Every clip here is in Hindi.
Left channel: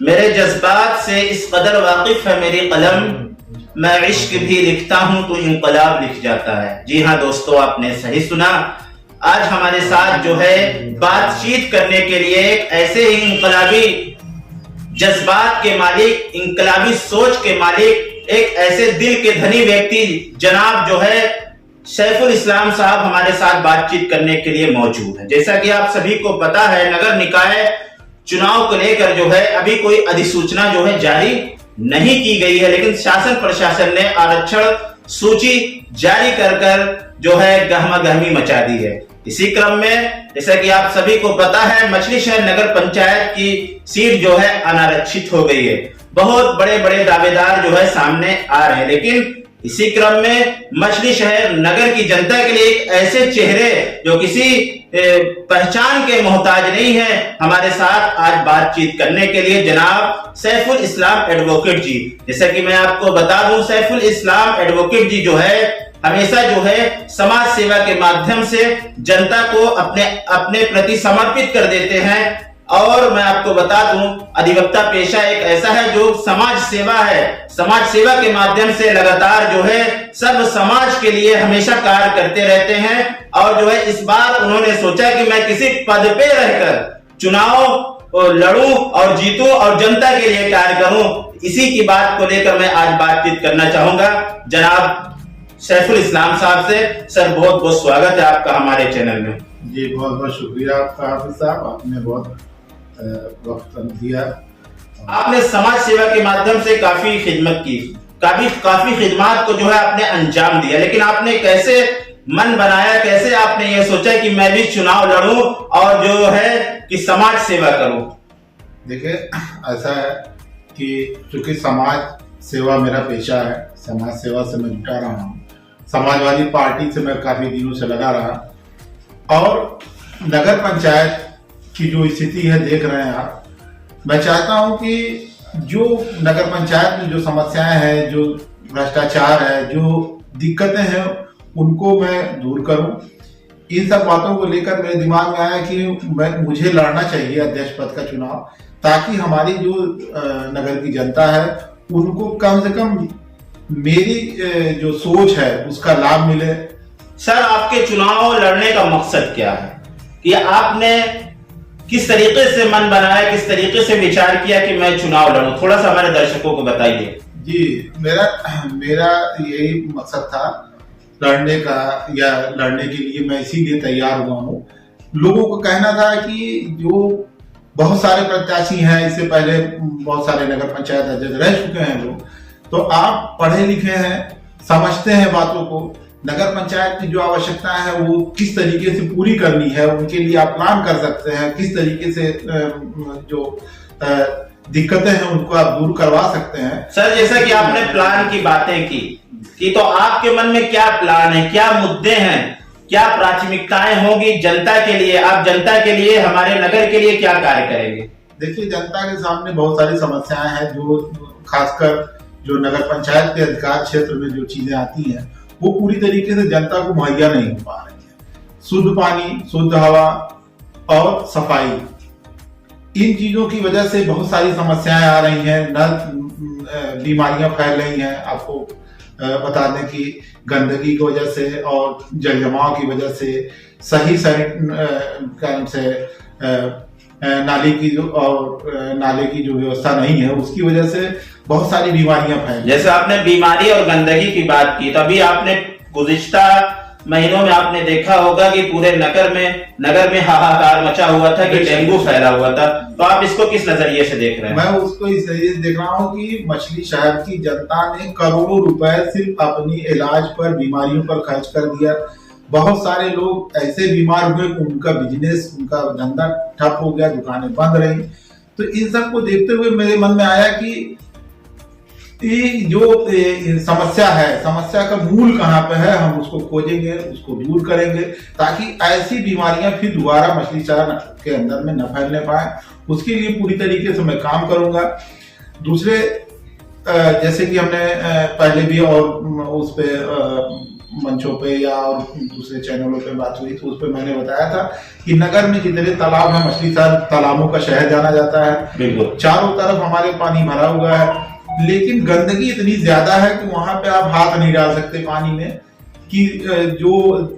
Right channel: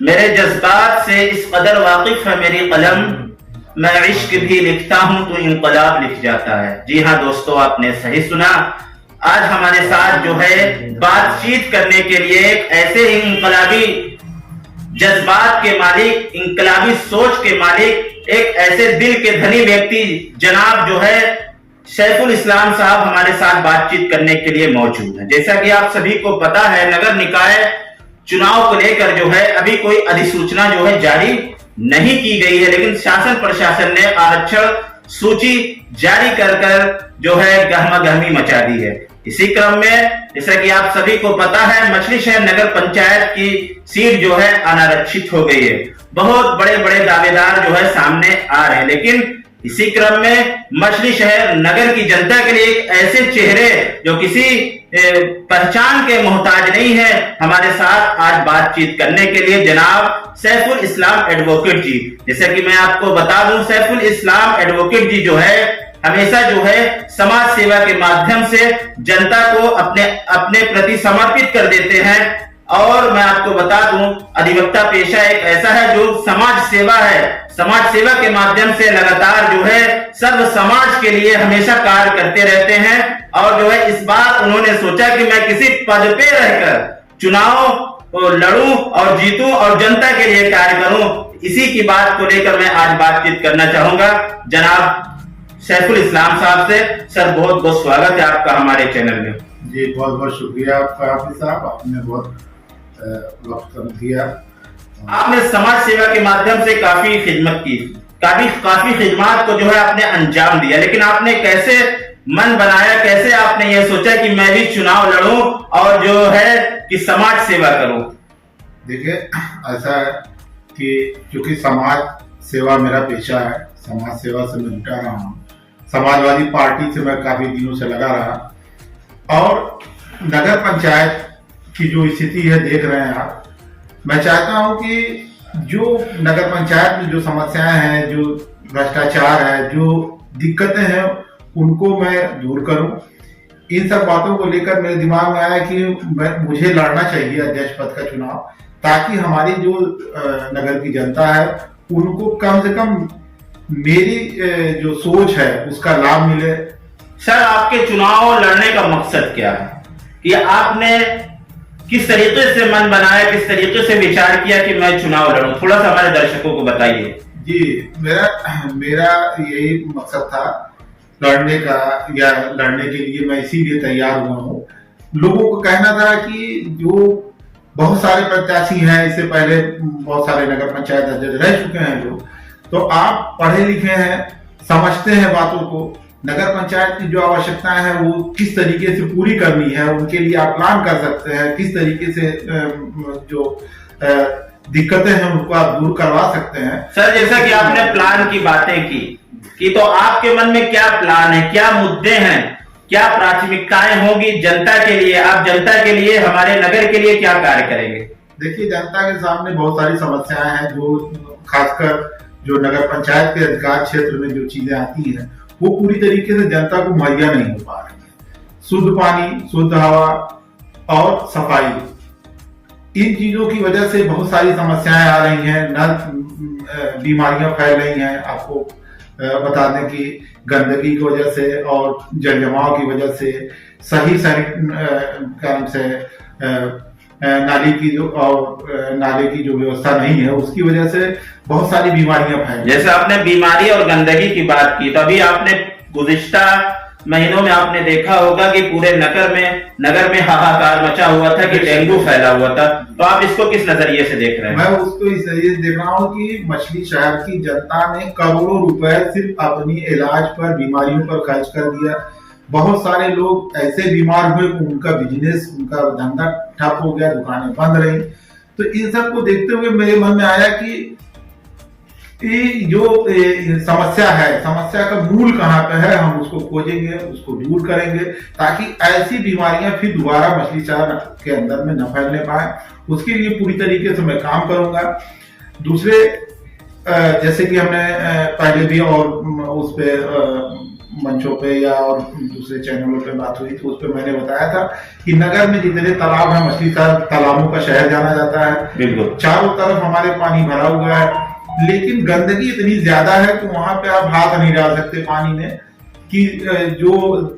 मेरे जज्बात से इस कदर वाकिफ है मेरी कलम, मैं इश्क भी लिखता हूं तो इनकलाब लिख जाता है। जी हाँ दोस्तों, आपने सही सुना। आज हमारे साथ जो है बातचीत करने के लिए एक ऐसे ही इनकलाबी जज्बात के मालिक, इनकलाबी सोच के मालिक, एक ऐसे दिल के धनी व्यक्ति जनाब जो है सैफुल इस्लाम साहब हमारे साथ बातचीत करने के लिए मौजूद हैं। जैसा कि आप सभी को पता है, नगर निकाय चुनाव को लेकर जो है अभी कोई अधिसूचना जो है जारी नहीं की गई है, लेकिन शासन प्रशासन ने आरक्षण सूची जारी कर जो है गहमा गहमी मचा दी है। इसी क्रम में जैसा कि आप सभी को पता है, मछली शहर नगर पंचायत की सीट जो है अनारक्षित हो गई है। बहुत बड़े बड़े दावेदार जो है सामने आ रहे हैं, लेकिन इसी क्रम में मछली शहर नगर की जनता के लिए एक ऐसे चेहरे जो किसी पहचान के मोहताज नहीं है, हमारे साथ आज बातचीत करने के लिए जनाब सैफुल इस्लाम एडवोकेट जी। जैसा कि मैं आपको बता दूं, सैफुल इस्लाम एडवोकेट जी जो है हमेशा जो है समाज सेवा के माध्यम से जनता को अपने प्रति समर्पित कर देते हैं। और मैं आपको बता दूं, अधिवक्ता पेशा एक ऐसा है जो समाज सेवा है, समाज सेवा के माध्यम से लगातार जो है सर्व समाज के लिए हमेशा कार्य करते रहते हैं। और जो है इस बार उन्होंने सोचा कि मैं किसी पद पे रहकर चुनाव लड़ूं और जीतूं और जनता के लिए कार्य करूं। इसी की बात को लेकर मैं आज बातचीत करना चाहूंगा जनाब सैफुल इस्लाम साहब से। सर बहुत बहुत स्वागत है आपका हमारे चैनल में। जी बहुत बहुत शुक्रिया आपका हाफिज साहब, आपने बहुत वक्त दिया। आपने समाज सेवा के माध्यम से काफी खिदमत की, काफी खिदमत को जो है आपने अंजाम दिया, लेकिन आपने कैसे मन बनाया, कैसे आपने ये सोचा कि मैं भी चुनाव लड़ूं और जो है कि समाज सेवा करूं? देखिए, ऐसा है कि चूंकि समाज सेवा मेरा पेशा है, समाज सेवा से मैं जुटा रहा हूँ, समाजवादी पार्टी से मैं काफी दिनों से लगा रहा, और नगर पंचायत की जो स्थिति है देख रहे हैं आप। मैं चाहता हूं कि जो नगर पंचायत में जो समस्याएं हैं, जो भ्रष्टाचार है, जो दिक्कतें हैं, उनको मैं दूर करूं। इन सब बातों को लेकर मेरे दिमाग में आया कि मुझे लड़ना चाहिए अध्यक्ष पद का चुनाव, ताकि हमारी जो नगर की जनता है उनको कम से कम मेरी जो सोच है उसका लाभ मिले। सर, आपके चुनाव लड़ने का मकसद क्या है कि आपने किस तरीके से मन बनाया, किस तरीके से विचार किया कि मैं चुनाव लड़ूं? थोड़ा सा हमारे दर्शकों को बताइए। जी, मेरा यही मकसद था लड़ने का, या लड़ने के लिए मैं इसीलिए तैयार हुआ हूँ। लोगों को कहना था कि जो बहुत सारे प्रत्याशी हैं, इससे पहले बहुत सारे नगर पंचायत अध्यक्ष रह चुके हैं लोग, तो आप पढ़े लिखे हैं, समझते हैं बातों को, नगर पंचायत की जो आवश्यकताएं हैं वो किस तरीके से पूरी करनी है, उनके लिए आप प्लान कर सकते हैं, किस तरीके से जो दिक्कतें हैं उनको आप दूर करवा सकते हैं। सर, जैसा कि आपने प्लान की बातें की तो आपके मन में क्या प्लान है, क्या मुद्दे हैं, क्या प्राथमिकताएं होगी जनता के लिए? आप जनता के लिए, हमारे नगर के लिए क्या कार्य करेंगे? देखिए, जनता के सामने बहुत सारी समस्याएं हैं, जो खासकर जो नगर पंचायत के अधिकार क्षेत्र में जो चीजें आती हैं वो पूरी तरीके से जनता को मुहैया नहीं हो पा रही है। शुद्ध पानी, शुद्ध हवा और सफाई, इन चीजों की वजह से बहुत सारी समस्याएं आ रही हैं, न बीमारियां फैल रही हैं। आपको बता दें कि गंदगी की वजह से और जल जमाव की वजह से, सही कारण से नाले की जो व्यवस्था नहीं है, उसकी वजह से बहुत सारी बीमारियां फैली। जैसे आपने बीमारी और गंदगी की बात की, तो अभी आपने गुज़िश्ता महीनों में आपने देखा होगा कि पूरे नगर में हाहाकार मचा हुआ था कि डेंगू फैला हुआ था। तो आप इसको किस नजरिए से देख रहे हैं? मैं उसको इस नजरिए से देख रहा हूँ कि मछली शहर की जनता ने करोड़ों रुपए सिर्फ अपनी इलाज पर, बीमारियों पर खर्च कर दिया। बहुत सारे लोग ऐसे बीमार हुए, उनका बिजनेस, उनका धंधा ठप हो गया, दुकानें बंद रही। तो इन सब को देखते हुए मेरे मन में आया कि जो समस्या है, समस्या का मूल कहाँ पे है, हम उसको खोजेंगे, उसको दूर करेंगे, ताकि ऐसी बीमारियां फिर दोबारा मछली शहर के अंदर में न फैलने पाए। उसके लिए पूरी तरीके से मैं काम करूंगा। दूसरे, जैसे कि हमने पहले भी और उस पे मंचों पे या और दूसरे चैनलों पे बात हुई, तो उस पर मैंने बताया था कि नगर में जितने तालाब हैं, मछली तालाबों का शहर जाना जाता है, बिल्कुल चारों तरफ हमारे पानी भरा हुआ है, लेकिन गंदगी इतनी ज्यादा है कि वहां पे आप हाथ नहीं डाल सकते पानी में, कि जो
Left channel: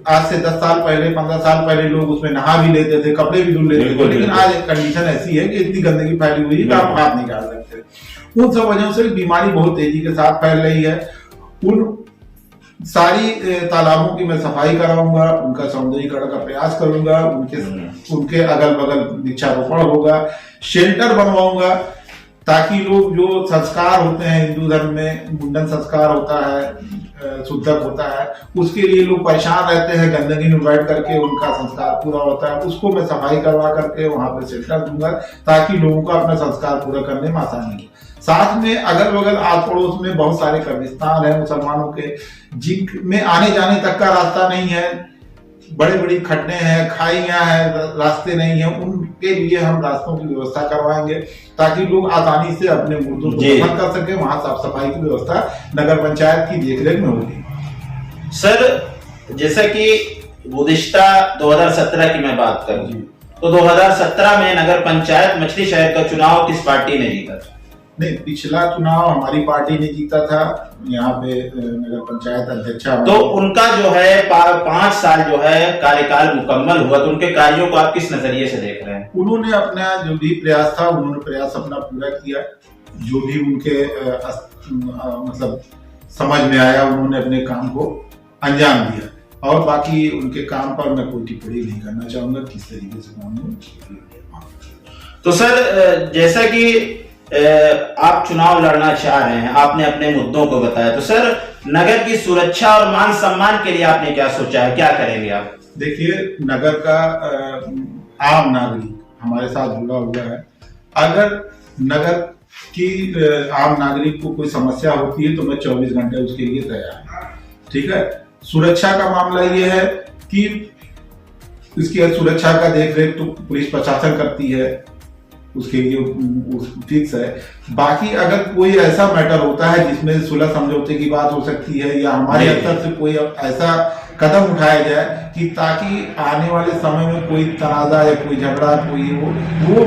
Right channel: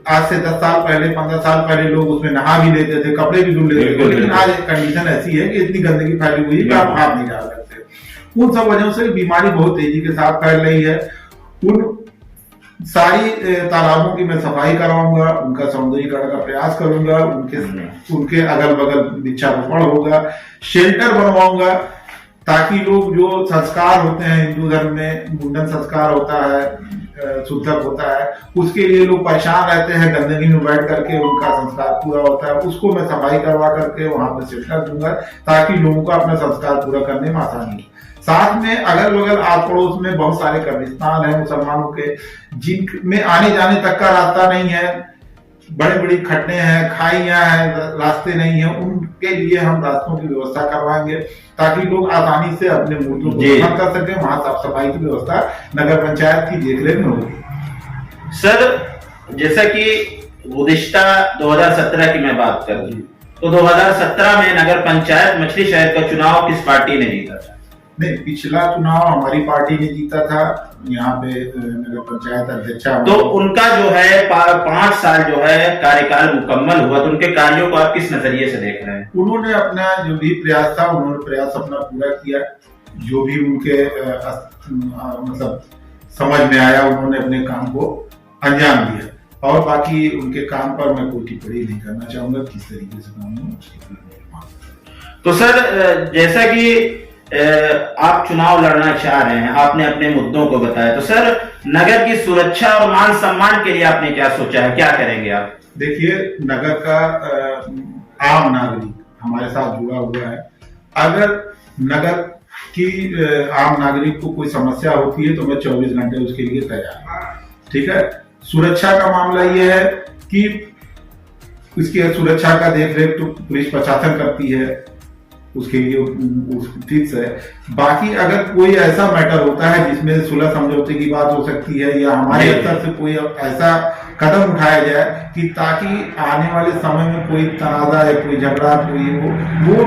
आज से 10 साल पहले 15 साल पहले लोग उसमें नहा भी लेते थे, कपड़े भी धुल लेते थे, लेकिन आज कंडीशन ऐसी है कि इतनी गंदगी फैली हुई है कि आप हाथ नहीं डाल सकते। उन सब वजहों से बीमारी बहुत तेजी के साथ फैल रही है। उन सारी तालाबों की मैं सफाई कराऊंगा, उनका सौंदर्यीकरण का प्रयास करूंगा, उनके अगल बगल वृक्षारोपण होगा, शेल्टर बनवाऊंगा, ताकि लोग जो संस्कार होते हैं हिंदू धर्म में, मुंडन संस्कार होता है, शुद्धक होता है, उसके लिए लोग परेशान रहते हैं, गंदगी में बैठ करके उनका संस्कार पूरा होता है, उसको मैं सफाई करवा करके वहां पर शेल्टर दूंगा, ताकि लोगों को अपना संस्कार पूरा करने में आसानी हो। साथ में अगल बगल आस पड़ोस में बहुत सारे कब्रिस्तान है मुसलमानों के, जिनमें आने जाने तक का रास्ता नहीं है, बड़ी बड़ी खड्डे हैं, खाइयां हैं, रास्ते नहीं है, उनके लिए हम रास्तों की व्यवस्था करवाएंगे, ताकि लोग आसानी से अपने मुर्दों को दफन कर सके। वहां साफ सफाई की व्यवस्था नगर पंचायत की देखरेख में होगी। सर, जैसा कि गुज़िश्ता 2017 की मैं बात करूं, तो 2017 में नगर पंचायत मछली शहर का चुनाव किस पार्टी ने जीता था? नहीं, पिछला चुनाव हमारी पार्टी ने जीता था, यहाँ पे नगर पंचायत अध्यक्षा। तो उनका जो है 5 साल जो है कार्यकाल मुकम्मल हुआ, तो उनके कार्यों को आप किस नजरिए से देख रहे हैं? उन्होंने अपना जो भी प्रयास था, उन्होंने प्रयास अपना पूरा किया, जो भी उनके मतलब समझ में आया, उन्होंने अपने काम को अंजाम दिया, और बाकी उनके काम पर मैं कोई टिप्पणी नहीं करना चाहूंगा किस तरीके से काम हुआ। तो सर, जैसा कि आप चुनाव लड़ना चाह रहे हैं, आपने अपने मुद्दों को बताया, तो सर नगर की सुरक्षा और मान सम्मान के लिए आपने क्या सोचा है, क्या करेंगे आप? देखिए, नगर का आम नागरिक हमारे साथ जुड़ा हुआ है। अगर नगर की आम नागरिक को कोई समस्या होती है तो मैं 24 घंटे उसके लिए तैयार हूँ। ठीक है। सुरक्षा का मामला ये है कि इसकी सुरक्षा का देखरेख तो पुलिस प्रशासन करती है, उसके लिए फिक्स है। बाकी अगर कोई ऐसा मैटर होता है जिसमें सुलह समझौते की बात हो सकती है, या हमारे स्तर से कोई ऐसा कदम उठाया जाए कि ताकि आने वाले समय में कोई तनाजा या कोई झगड़ा कोई हो, वो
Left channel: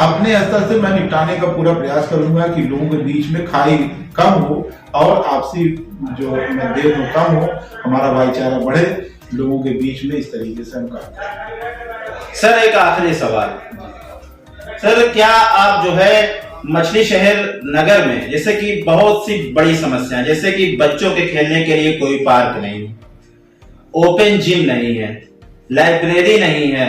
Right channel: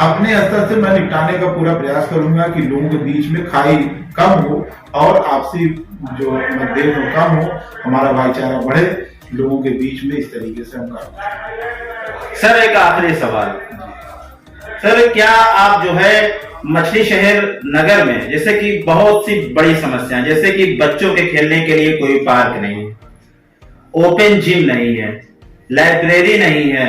अपने स्तर से मैं निपटाने का पूरा प्रयास करूंगा कि लोगों के बीच में खाई कम हो और आपसी जो मतभेद हो कम हो, हमारा भाईचारा बढ़े लोगों के बीच में। इस तरीके से हम काम करें। सर, एक आखिरी सवाल सर, क्या आप जो है मछली शहर नगर में जैसे कि बहुत सी बड़ी समस्याएं, जैसे कि बच्चों के खेलने के लिए कोई पार्क नहीं है, ओपन जिम नहीं है, लाइब्रेरी नहीं है,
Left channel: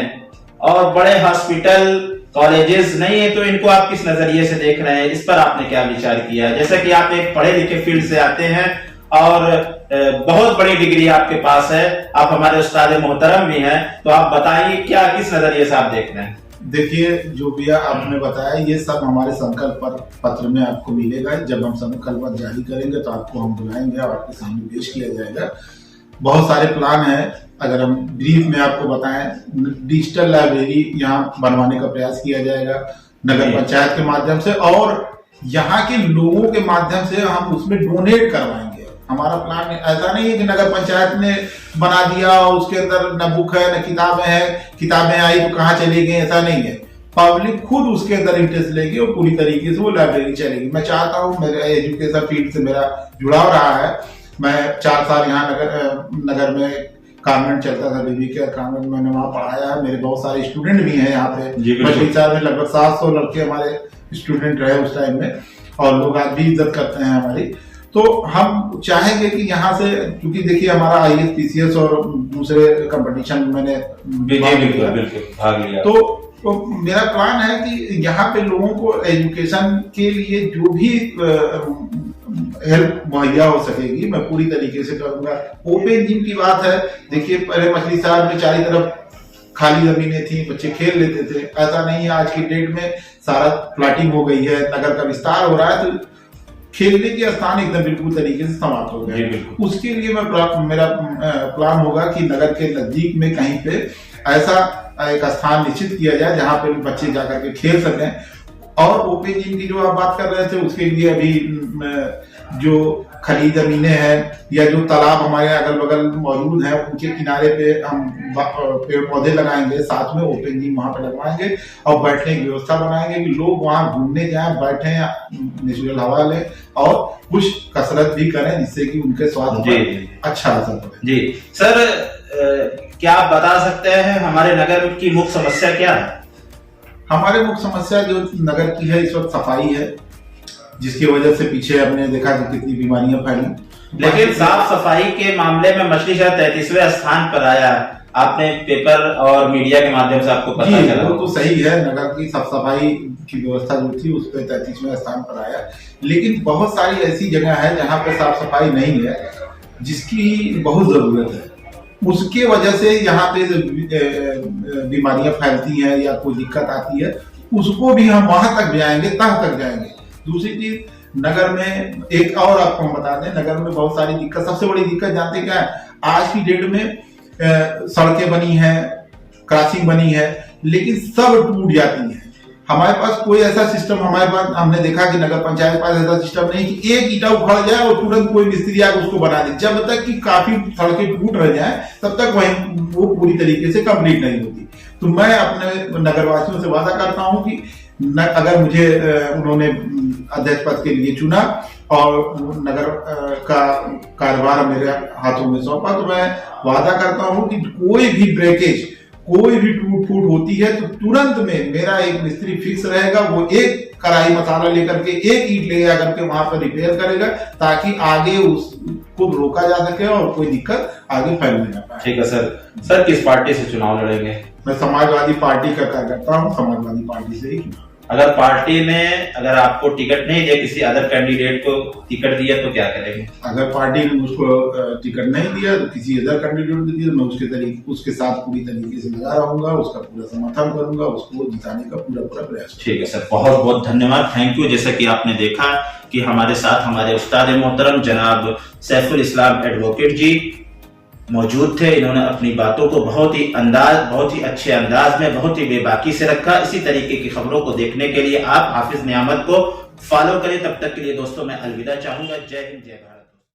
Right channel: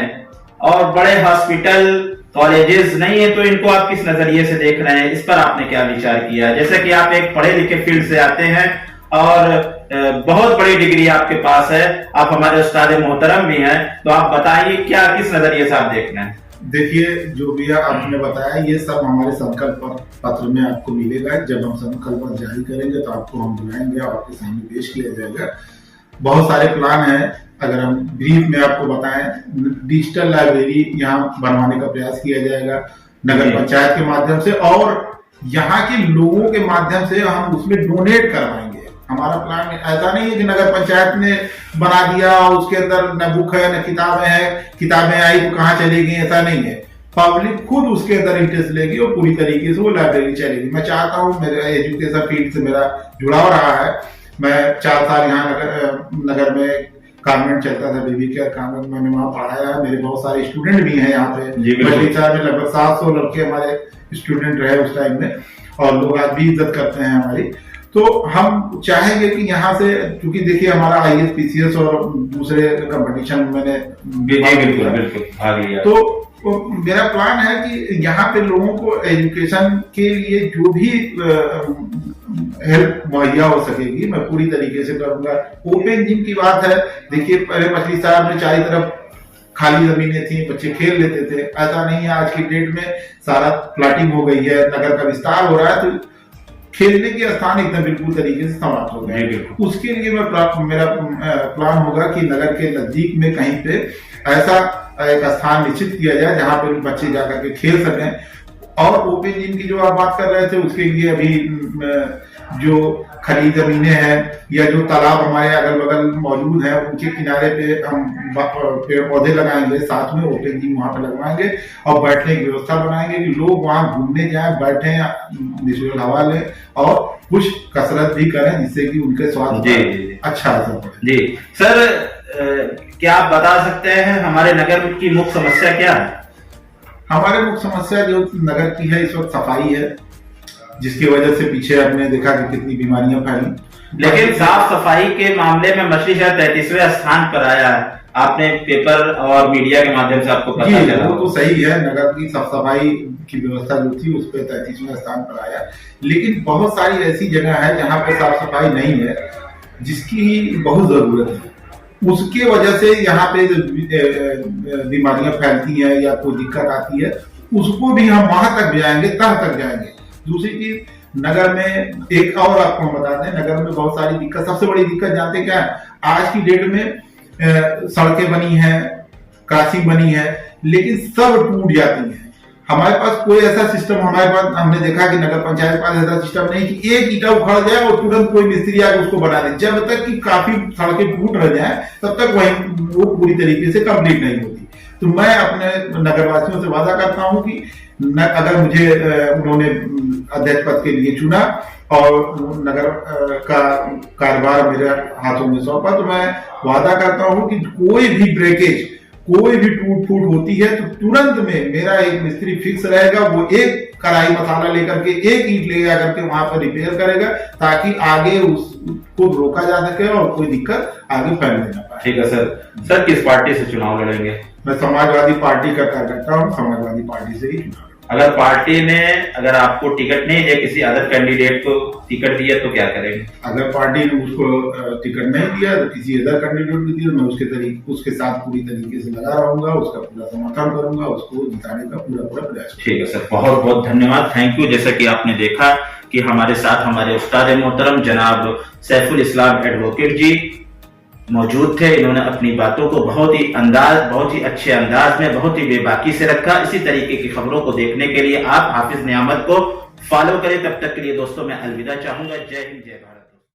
और बड़े हॉस्पिटल कॉलेजेस नहीं है, तो इनको आप किस नजरिए से देख रहे हैं? इस पर आपने क्या विचार किया? जैसे कि आप एक पढ़े लिखे फील्ड से आते हैं और बहुत बड़ी डिग्री आपके पास है, आप हमारे उस्ताद मोहतरम भी हैं, तो आप बताइए क्या किस नजरिए से आप देख रहे हैं? देखिए, जो भी आपने बताया ये सब हमारे संकल्प पत्र में आपको मिलेगा। जब हम संकल्प पत्र जारी करेंगे तो आपको हम बुलाएंगे और आपके सामने पेश किया जाएगा। बहुत सारे प्लान हैं। अगर हम ब्रीफ में आपको बताएं, डिजिटल लाइब्रेरी यहाँ बनवाने का प्रयास किया जाएगा नगर पंचायत के माध्यम से, और यहाँ के लोगों के माध्यम से हम उसमें डोनेट करवाएंगे। हमारा प्लान ऐसा नहीं है कि नगर पंचायत ने बना दिया और उसके अंदर न बुक है न किताबें हैं, किताबें आई तो कहाँ चली गई, ऐसा नहीं है। पब्लिक खुद उसके अंदर इंटरेस्ट लेगी और पूरी तरीके से वो लाइब्रेरी चलेगी। मैं चाहता हूँ, मेरे एजुकेशन फील्ड से मेरा जुड़ाव रहा है। मैं 4 साल यहाँ नगर में कॉन्वेंट चलता था, बेबी केयर कॉन्वेंट, मैंने वहाँ पढ़ाया है। मेरे बहुत सारे स्टूडेंट भी हैं यहाँ पे। मछली शहर में लगभग 700 लड़के हमारे स्टूडेंट रहे उस टाइम में, और लोग आज भी इज्जत करते हैं हमारी। तो हम चाहेंगे कि यहाँ से, क्योंकि देखिए हमारा IAS PCS और दूसरे कंपटीशन में मैंने बिल्कुल भाग लिया, तो मेरा प्लान है कि यहाँ पे लोगों को एजुकेशन के लिए जो भी हेल्प मुहैया हो सकेगी मैं पूरी तरीके से करूंगा। ओपन जिम की बात है, देखिए पहले मछली शहर में चारों तरफ खाली जमीनें थी, बच्चे खेल लेते थे। ऐसा नहीं है, आज की डेट में सारा प्लाटिंग हो गई है, नगर का विस्तार हो रहा है, तो खेलने के स्थान एकदम बिल्कुल तरीके से समाप्त हो गए। उसके लिए मेरा प्लान होगा कि नगर के नजदीक में कहीं पे ऐसा एक स्थान निश्चित किया जाए जहां पे बच्चे जाकर के खेल सकें। और ओपन जिम की जो आप बात कर रहे थे, उसके लिए अभी जो खली जमीनें हैं या जो तालाब हमारे अगल बगल मौजूद हैं उनके किनारे पे हम पेड़ पौधे लगाएंगे, साथ में ओपन जिम वहां पे लगवाएंगे और बैठने की व्यवस्था बनाएंगे कि लोग वहां घूमने जाएं, बैठे, नेचुरल हवा लें और कुछ कसरत भी करें जिससे कि उनके स्वास्थ्य पर अच्छा असर पड़े। जी सर, क्या आप बता सकते हैं हमारे नगर की मुख्य समस्या क्या है? हमारे मुख्य समस्या जो नगर की है इस वक्त सफाई है, जिसकी वजह से पीछे हमने देखा कि कितनी बीमारियां फैली। लेकिन साफ सफाई के मामले में मछली शहर 33वें स्थान पर आया है, आपने पेपर और मीडिया के माध्यम से आपको पता चला। वो तो सही है, नगर की साफ सफाई की व्यवस्था जो थी उस पर 33वें स्थान पर आया, लेकिन बहुत सारी ऐसी जगह है जहाँ पे साफ सफाई नहीं है जिसकी बहुत जरूरत है। उसके वजह से यहाँ पे बीमारियां फैलती हैं या कोई दिक्कत आती है, उसको भी हम वहां तक जाएंगे, तह तक जाएंगे। दूसरी चीज, नगर में एक और आपको हम बता दें, नगर में बहुत सारी दिक्कत, सबसे बड़ी दिक्कत जानते क्या है? आज की डेट में सड़कें बनी हैं, क्रॉसिंग बनी है, लेकिन सब टूट जाती हैं। हमारे पास कोई ऐसा सिस्टम, हमारे पास हमने देखा कि नगर पंचायत पास ऐसा सिस्टम नहीं कि एक ईंटा उखड़ जाए और तुरंत कोई मिस्त्री आकर उसको बना दे। जब तक कि काफी सड़कें टूट रह जाए तब तक वो पूरी तरीके से कंप्लीट नहीं होती। तो मैं अपने नगरवासियों से वादा करता हूं कि अगर मुझे उन्होंने अध्यक्ष पद के लिए चुना और नगर का कारोबार मेरे हाथों में सौंपा, तो मैं वादा करता हूं कि कोई भी ब्रेकेज, कोई भी टूट फूट होती है तो तुरंत में मेरा एक मिस्त्री फिक्स रहेगा, वो एक कढ़ाई मसाला लेकर के, एक ईंट ले जाकर के वहां पर रिपेयर करेगा ताकि आगे उसको रोका जा सके और कोई दिक्कत आगे फैलने ना पाए। ठीक है सर, किस पार्टी से चुनाव लड़ेंगे? मैं समाजवादी पार्टी का कार्यकर्ता हूँ, समाजवादी पार्टी से ही चुनाव। अगर पार्टी ने अगर आपको टिकट नहीं दिया, किसी अदर कैंडिडेट को टिकट दिया तो क्या करेंगे? अगर पार्टी ने उसको टिकट नहीं दिया तो किसी अदर कैंडिडेट को दिया, मैं उसके साथ पूरी तरीके से लगा रहूंगा, उसका पूरा समर्थन करूंगा, उसको जिताने का पूरा प्रयास। ठीक है सर, बहुत बहुत धन्यवाद, थैंक यू। जैसा कि आपने देखा कि हमारे साथ हमारे उस्ताद मोहतरम जनाब सैफुल इस्लाम एडवोकेट जी मौजूद थे। इन्होंने अपनी बातों को बहुत ही अच्छे अंदाज में, बहुत ही बेबाकी से रखा। इसी तरीके की खबरों को देखने के लिए आप हाफिज नियामत को फॉलो करें। तब तक के लिए दोस्तों मैं अलविदा चाहूंगा। जय हिंद, जय भारत।